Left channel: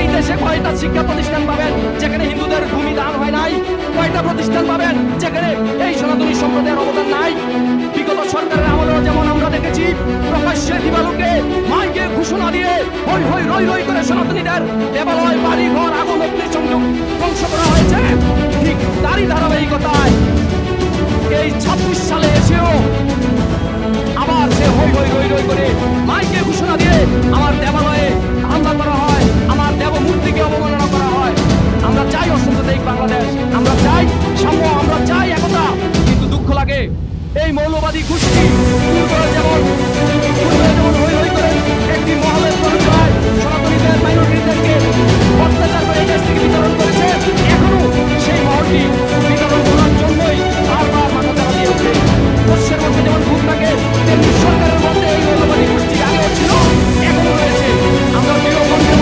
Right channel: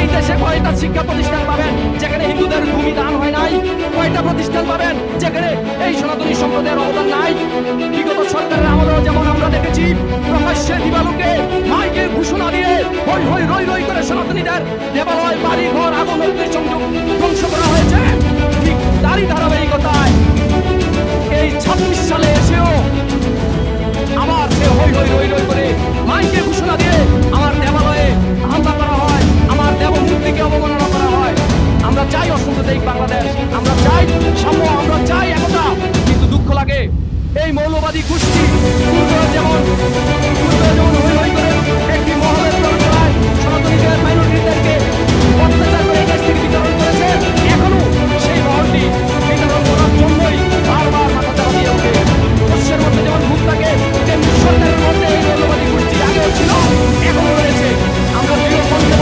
এই দেশে কয়টা শিক্ষা প্রতিষ্ঠান পাবেন যেখানে হিন্দুদের ভূমি দান হয় নাই? কয়টা প্রতিষ্ঠান পাবেন যেখানে এই সনাতনী সম্প্রদায়ের অবদান নাই? বিগত সরকারের আমলেও যেমন আমরা দেখেছি প্রকাশ্যে দিবালোকে মাইকে ঘোষণা দিয়ে হই হই রই রই করে সনাতনীদের দেবালয় বাড়ি ঘর আগুন অগ্নি সংযোগ ধ্বংস করা হয়েছে, ঠিক তারই ধারাবাহিকতায় এই 26 সালে এসেও আবার সে হই হই রই রই করে মাইকে ঘোষণা দিয়ে আমার দেবালয়ে হামলা করা হয়, আমার দেব মূর্তিকে অবমাননা করা হয়। আমরা চাই অসাম্প্রদায়িক বাংলাদেশ, আমরা চাই সাম্য, আমরা চাই একতা, কিন্তু দুঃখ লাগে এই মৌলবাদী গোষ্ঠী পূর্বে যেমন হই হই করে একটি মহলের প্ররোচনায় সনাতনীদের মাইনরিটিদেরকে অত্যাচার করে এই দেশ থেকে বিতরণ করেছে, এখনো সেই মহলটি বিতরণ করার জন্যই বারবার মাথা চারা দিয়ে ওঠে। শস্যের মধ্যে যেমন ভূত থাকে তেমনি সরকারের মধ্যে এই মৌলবাদী গোষ্ঠী আগেও ছিল, এখনো রয়েছে। আমরা দৃঢ় কণ্ঠে